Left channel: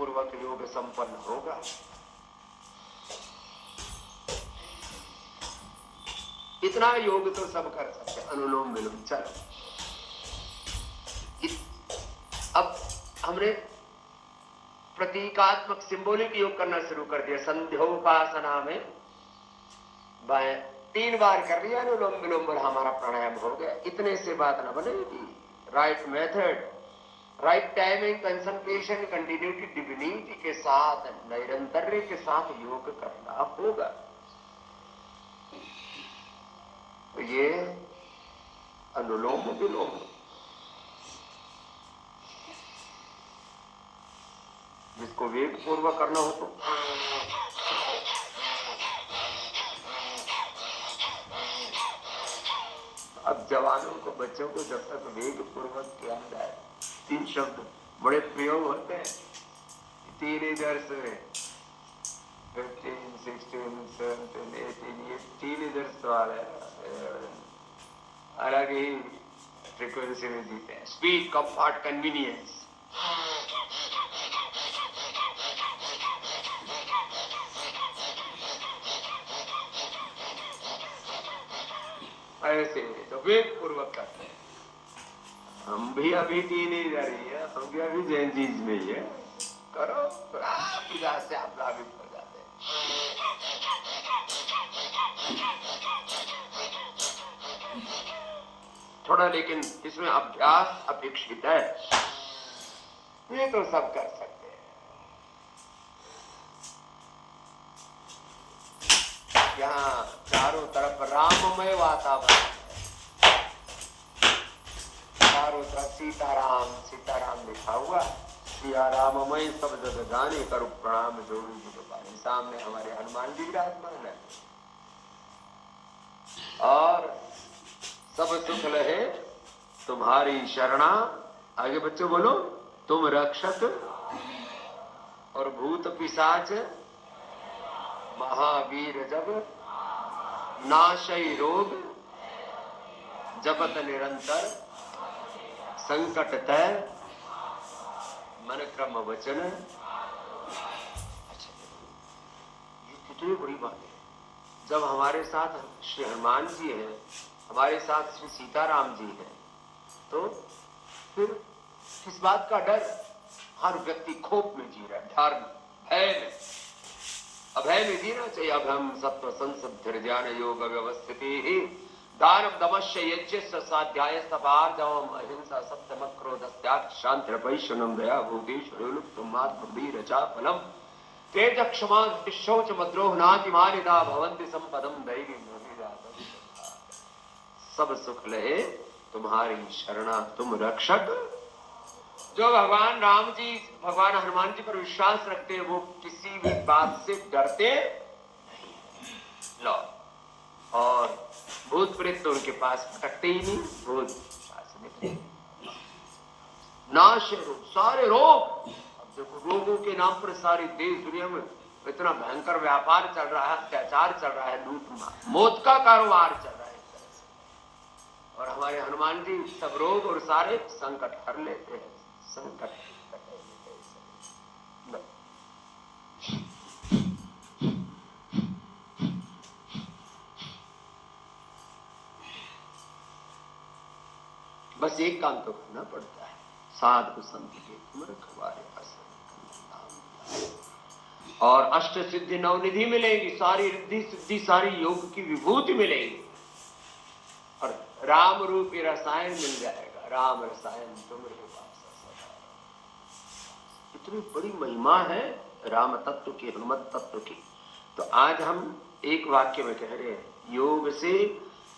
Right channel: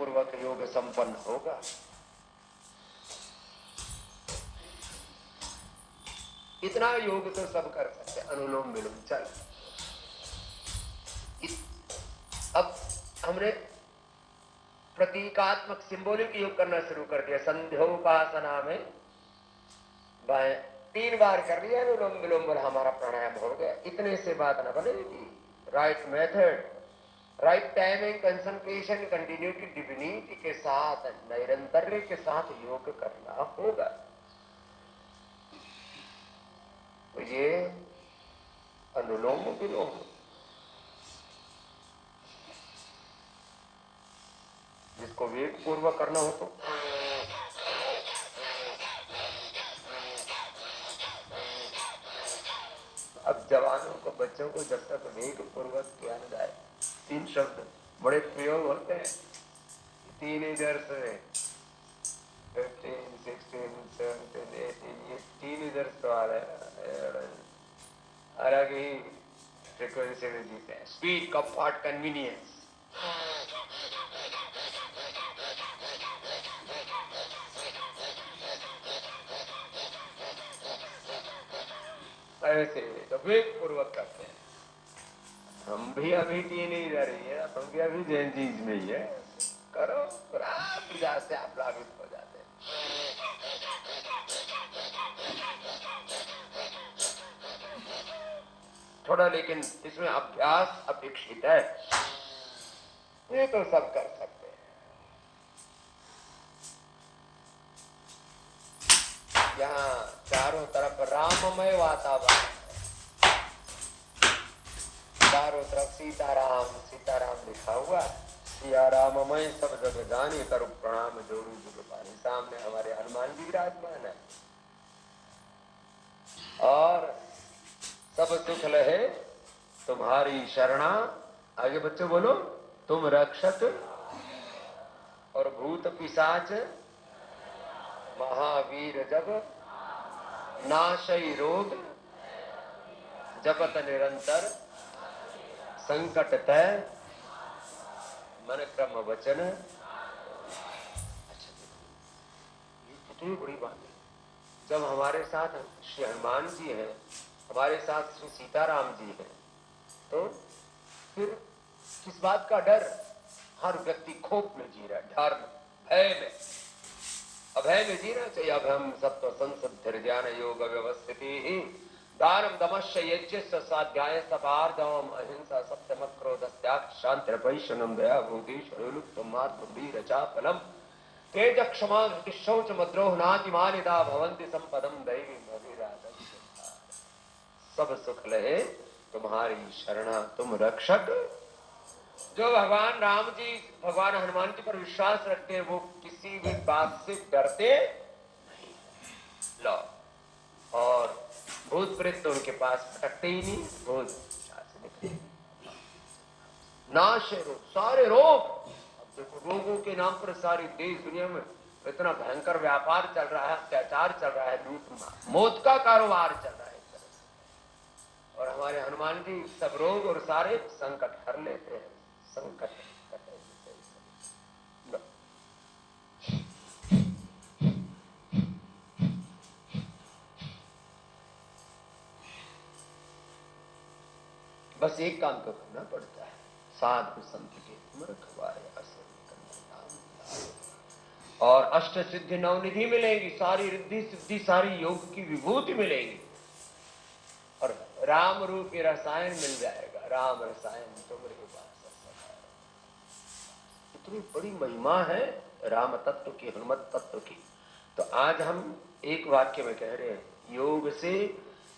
पूर्वक योग संपन्न होगा। इतना योग तो सब कर सकते, अनुलोम विलोम। चलो अब हमने प्रतीकात्मक सिंबॉलिक योग करना शुरू कर दिया। संध्योपासना में 3 बार कर लिया अनुलोम विलोम और हमारा प्राणायाम हो गया। इतने से बात ना बनेगी। Right method, right timing, concentration, continuity, divinity के साथ, निरंतर्य के साथ योग करना होगा। तो ये अनुलोम विलोम जिसको वेग पूर्वक करना हो तो अब जवानों को, बच्चों को जब तक वेग पूर्वक किया न जाए, 3 शब्द बड़े प्रयोग होते हैं। टीनेजर्स 15, 16, 17, 18, ये टीनेजर्स तो आ रहे हैं, अलग ही फ्रीक्वेंसी में जीते हैं। स्पीड, कंफर्ट, कन्वीनियंस, ऐसे तो वेग पूर्वक करते हैं। हम भी अभी टीनेजर ही है, हम भी अभी जेंजीज में ही है। करो, से आप लाभित हो जाते हैं। थोड़ा लेकिन इसमें अभ्यास अपेक्षित है। ये तो सब कर सकते हैं। यहाँ चारों तरफ राममय वातावरण है, चारों तरफ सीताराम सीताराम लिखा हुआ। सिया राममय सब जग गाने करो प्रणाम जोड़ी जुग पाए। सामने हमारे हनुमान जी विराजमान है। और सब सुख लहे तुम्हारी शरणा, आगे बच्चों बोलो, तुम रक्षक और भूत पिशाच महावीर जब नाशई रोग जपत निरंतर संकट तय मन क्रम वचन। अच्छा, ये कितनी बड़ी बात है। जब हमारे साथ श्री हनुमान जी है, हमारे साथ श्री सीताराम जी है, तो फिर किस बात का डर? हर व्यक्ति खोप में जी रहा है, डर में, भय में, अभय में जीना चाहिए। अब हम सत्व संसद धैर्यान योग व्यवस्थिति ही दानम दमश्य यज्ञ स्वाध्याय तपार्जवम अहिंसा सत्यम क्रोध त्याग शांति वैष्णव दया भूतेश्वर चापलम तेज क्षमा शौच मद्रोह नातिमानिदा भवंति संपदम दैवी। सब सुख लहे तुम्हारी शरणा, तुम रक्षक। जो भगवान राम जी, भगवान हनुमान जी पर विश्वास रखते हैं, वो किसी भी बात से डरते नहीं। लो, और भूत प्रेत तो उनके पास भटकते ही नहीं, भूत नाश रोग, सारे रोग। अब देखो, रोगों के नाम पर सारी देश दुनिया में इतना भयंकर व्यापार चल रहा है, अत्याचार चल रहा है, लूट मौत का कारोबार चल रहा है एक तरह से। और हमारे हनुमान जी सब रोग और सारे संकट हर लेते हैं। संकट बस एक काम तो करना पड़ता है, साधु संत के तुम रखवारे और अष्ट सिद्धि नवनिधि मिलेगी, सारी रिद्धि सिद्धि सारी योग की विभूति मिलेगी, और राम रूपी रसायन मिल जाएगा। राम रसायन तुम इतनी बड़ी महिमा है राम तत्व की, हनुमत तत्व की। तो आज हम एक वाक्य में कह रहे हैं, योग से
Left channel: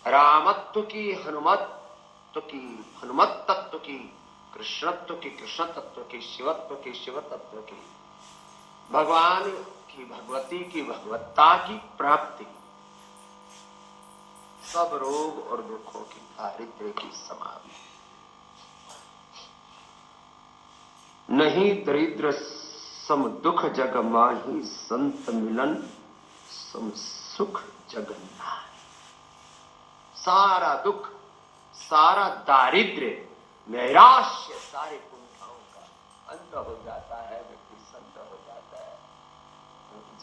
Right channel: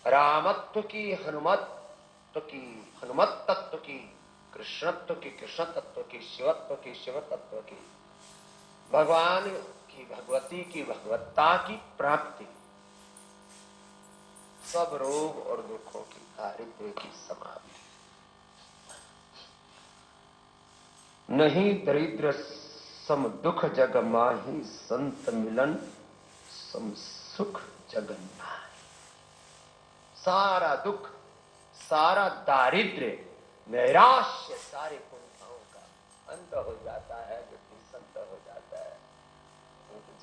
रामत्व की, हनुमत्व की, हनुमत तत्व की, कृष्णत्व की, कृष्ण तत्व की, शिवत्व की, शिव तत्व की, भगवान की, भगवती की, भगवत्ता की प्राप्ति, सब रोग और दुखों की, दारिद्र्य की समाप्ति। नहीं दरिद्र सम दुख जग माही, संत मिलन सम सुख जगन्नाथ। सारा दुख, सारा दारिद्र्य, नैराश्य, सारे कुंठाओं का अंत हो जाता है व्यक्ति संत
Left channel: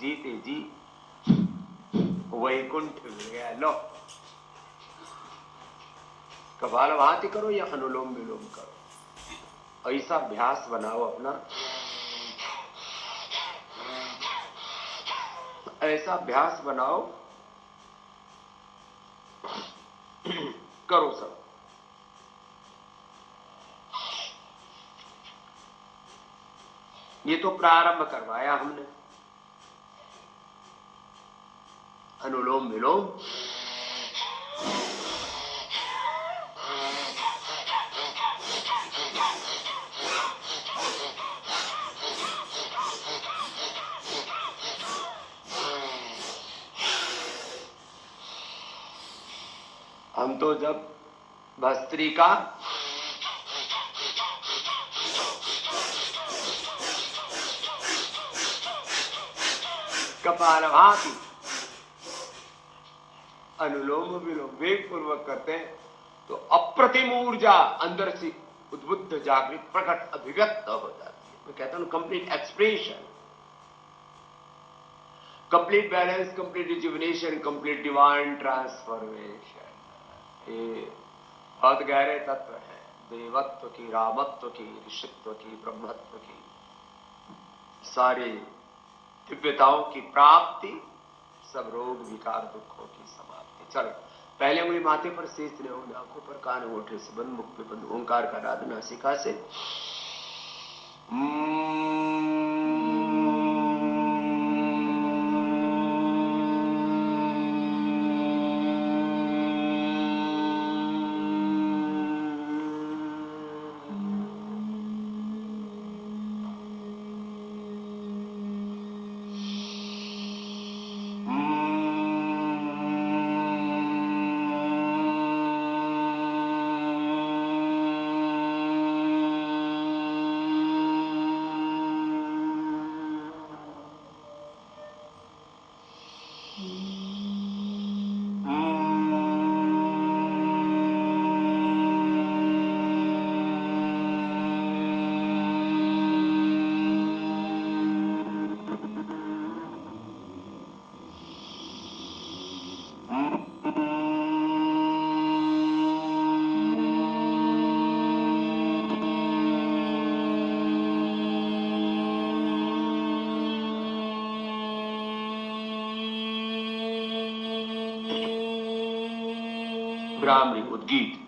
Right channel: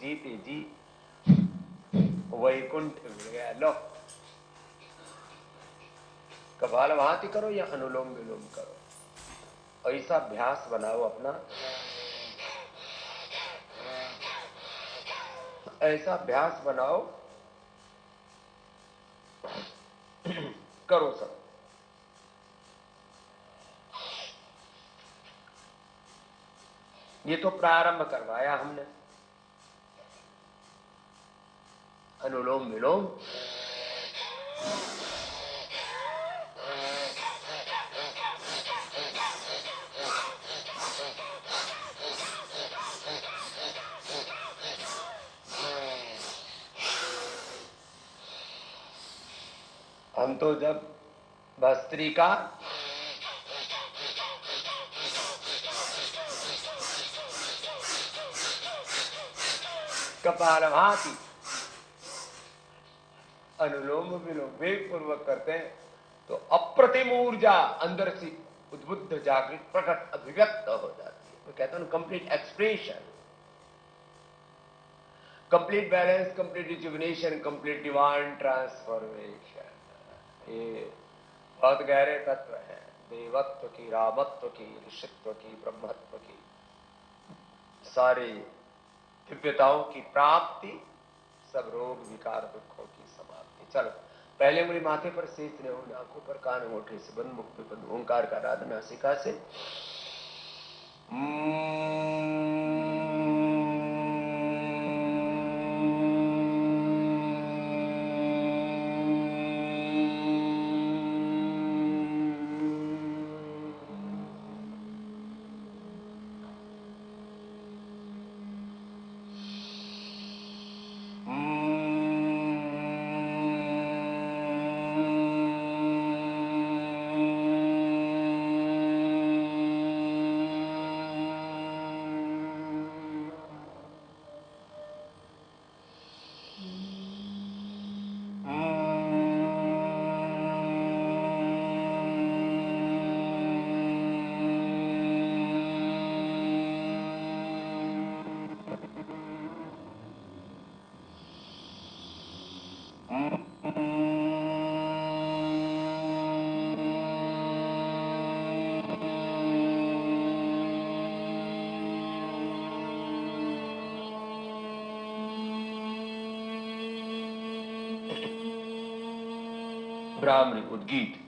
जीते जी वैकुंठ मिल गया। लो, कपालभाति करो या अनुलोम विलोम करो, ऐसा अभ्यास बनाओ अपना, ऐसा अभ्यास बनाओ, करो सब। ये तो प्रारंभ करवाया हमने, अनुलोम विलोम। हम तो जब भस्त्रिका कपालभाति अनुलोम विलोम वेग पूर्वक करते हैं तो अप्रतिम ऊर्जा अंदर से उद्बुद्ध जागृत प्रकट अभिव्यक्त हो जाती है। मैं कहता हूं complete expression, complete balance, complete rejuvenation, complete divine transformation. ये बहुत गहरे तत्व है, देवत्व की, रामत्व की, ऋषित्व की, ब्रह्मत्व की, सारी दिव्यताओं की प्राप्ति, सब रोग विकार दुखों की समाप्ति। चलो, पहले उंगली माथे पर, शेष ने उंगली आंखों पर, कान अंगूठे से बंद, मुख पे बंद, ओंकार का नाद नासिका से। ब्राह्मणी उद्गीत।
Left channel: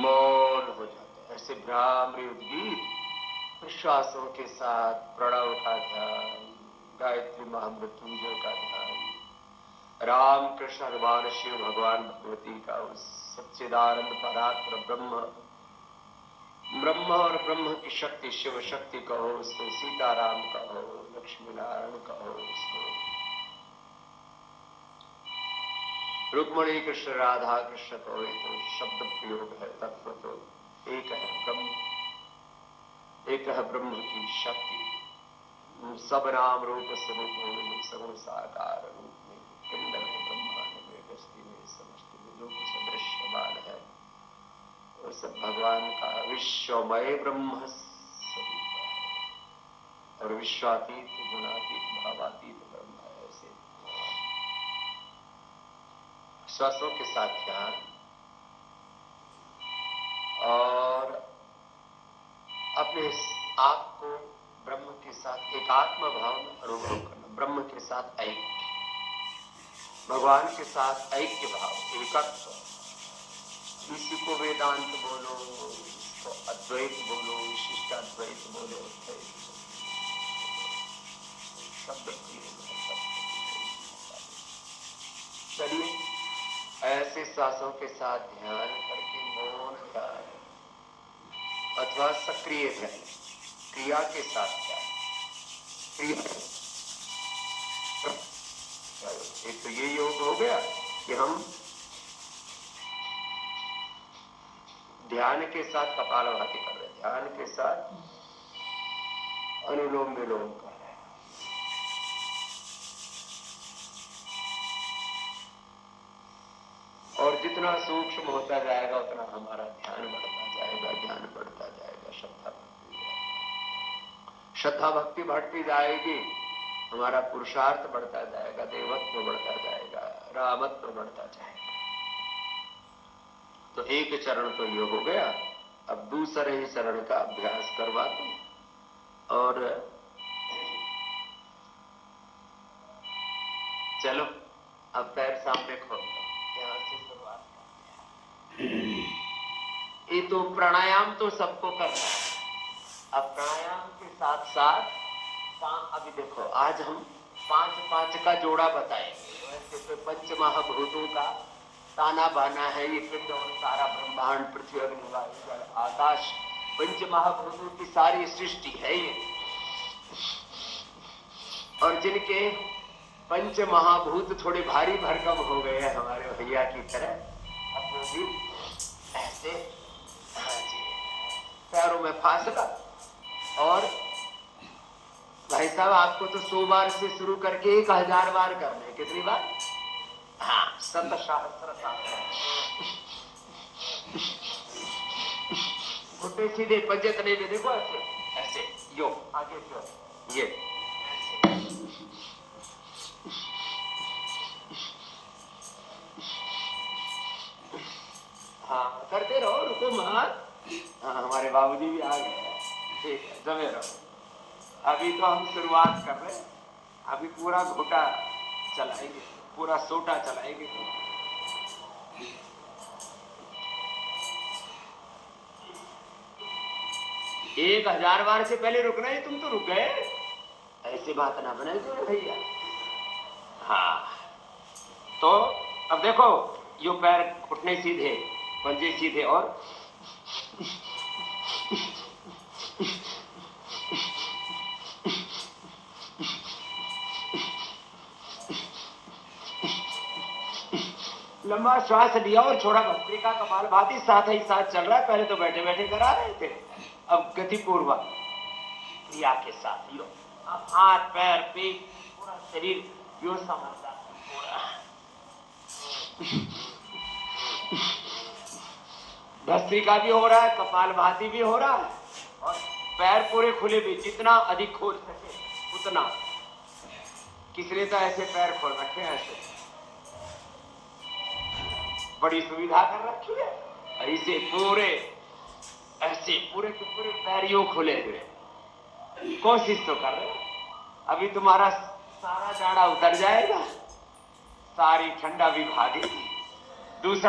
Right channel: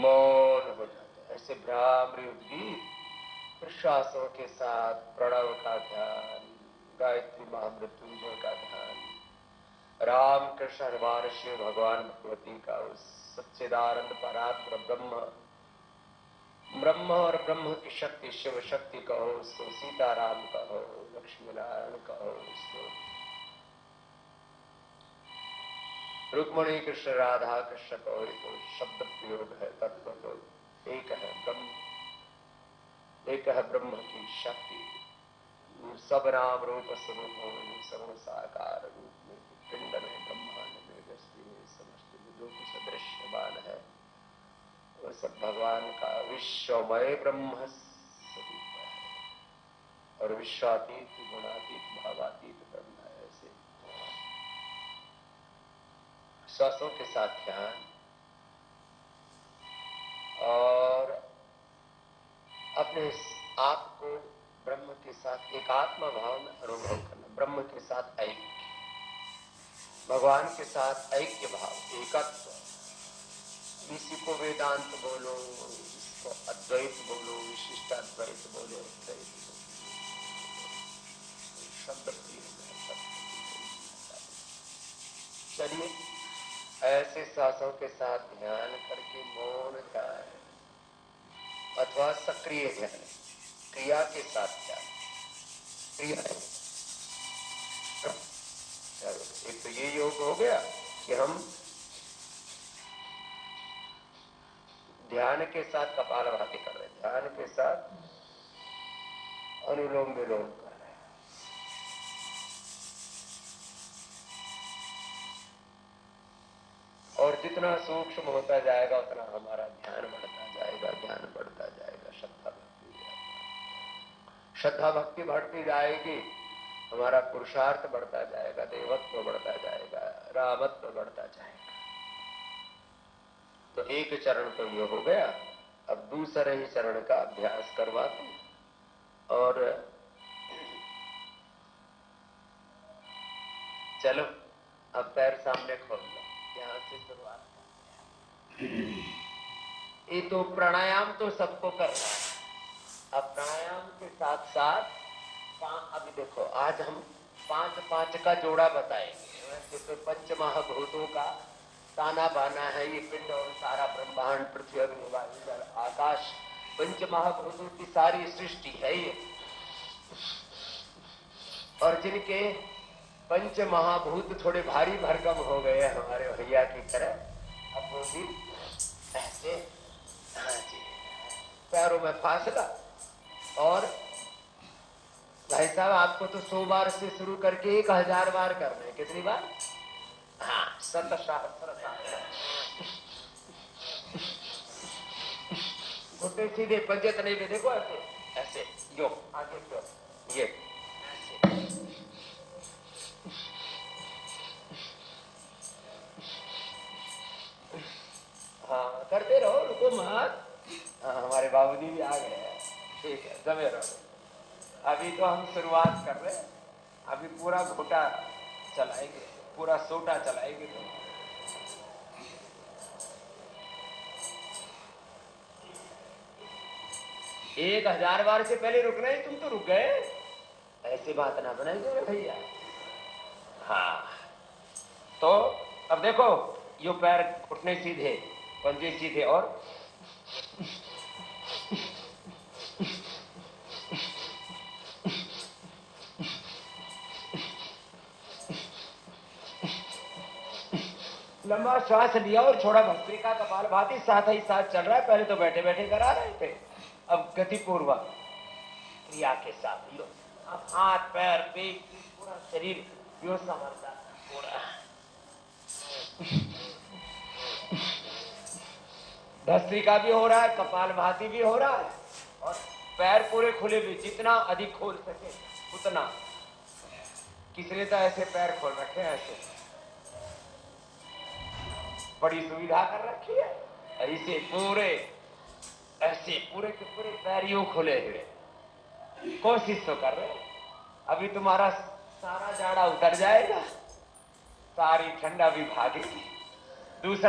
मौन हो जाते, ऐसे भ्रामरी उद्गीत विश्वासों के साथ प्रणव का ध्यान, गायत्री महामृत्युंजय का ध्यान, राम कृष्ण हनुमान शिव भगवान भगवती का उस सच्चिदानंद परात्पर ब्रह्म, ब्रह्म और ब्रह्म की शक्ति, शिव शक्ति कहो उसको, सीताराम कहो, लक्ष्मी नारायण कहो उसको, रुक्मणी कृष्ण राधा कृष्ण कहो, तो शब्द प्रयोग है, तत्व तो एक है ब्रह्म, एक है ब्रह्म की शक्ति। सब नाम रूप स्वरूपों में सगुण साकार रूप में, पिंड में, ब्रह्मांड में, व्यष्टि में, समस्त विदों को सदृश्यमान है। उस सब भगवान का विश्वमय ब्रह्म स्वरूप है और विश्वातीत गुणातीत भावातीत ब्रह्म है। ऐसे श्वासों के साथ ध्यान और अपने आप को ब्रह्म के साथ एकात्म भाव में अनुभव करना, ब्रह्म के साथ ऐक्य, भगवान के साथ ऐक्य भाव, एकत्व। इसी को वेदांत बोलो, इसको अद्वैत बोलो, विशिष्टाद्वैत बोलो, अद्वैत शब्द प्रयोग है, चलिए ऐसे श्वासों के साथ ध्यान करके मौन ध्यान अथवा सक्रिय ध्यान, क्रिया के साथ ध्यान, क्रिया एक तो ये योग हो गया कि हम ध्यान के साथ कपालभाति कर रहे हैं, ध्यान के साथ अनुलोम विलोम कर रहे हैं। और जितना सूक्ष्म होता जाएगा उतना हमारा ध्यान बढ़ता जाएगा, ज्ञान बढ़ता जाएगा, श्रद्धा भक्ति बढ़ती जाएगी, हमारा पुरुषार्थ बढ़ता जाएगा, देवत्व बढ़ता जाएगा, रामत्व बढ़ता जाएगा। तो एक चरण तो ये हो गया। अब दूसरे ही चरण का अभ्यास करवाते और चलो अब पैर सामने खोल लो, यहां से शुरुआत करते हैं। ये तो प्राणायाम तो सबको करना है। अब प्राणायाम के साथ साथ अभी देखो आज हम 5-5 का जोड़ा बताएंगे। वैसे तो पंच महाभूतों का ताना बाना है ये पिंड और सारा ब्रह्मांड, पृथ्वी, अग्नि, वायु, जल, आकाश, पंच महाभूतों की सारी सृष्टि है ये। और जिनके पंच महाभूत थोड़े भारी भरकम हो गए हमारे भैया की तरह, अब वो भी ऐसे पैरों में फासला। और भाई साहब आपको तो 100 बार से शुरू करके 1000 बार करना है। कितनी बार? हाँ, 7 घुटने सीधे, पंजे तले में देखो ऐसे ऐसे, यो आगे यो, ये हाँ करते रहो, रुको मत। हाँ हमारे बाबूजी भी आ गए। ठीक है, जमे रहो। अभी तो हम शुरुआत कर रहे हैं, अभी पूरा घोटा चलाएंगे, पूरा सोटा चलाएंगे। 1000 बार से पहले रुकना ही, तुम तो रुक गए। ऐसी बात ना बनाई दो भैया। हाँ तो अब देखो, यो पैर घुटने सीधे, पंजे सीधे और लंबा श्वास लिया और छोड़ा, भस्त्रिका कपालभाति साथ ही साथ चल रहा है। पहले तो बैठे बैठे करा रहे थे, अब गति पूर्वक क्रिया के साथ यो, अब हाथ पैर पीठ पूरा शरीर यो समझता पूरा। भस्त्रिका भी हो रहा है, कपालभाति भी हो रहा है और पैर पूरे खुले भी, जितना अधिक खोल सके उतना। किसने तो ऐसे पैर खोल रखे हैं, ऐसे बड़ी सुविधा कर रखी है। ऐसे पूरे, ऐसे पूरे के पूरे पैर यूं खुले हुए, कोशिश तो कर रहे। अभी तुम्हारा सारा जाड़ा उतर जाएगा, सारी ठंडा भी भागेगी। दूसरा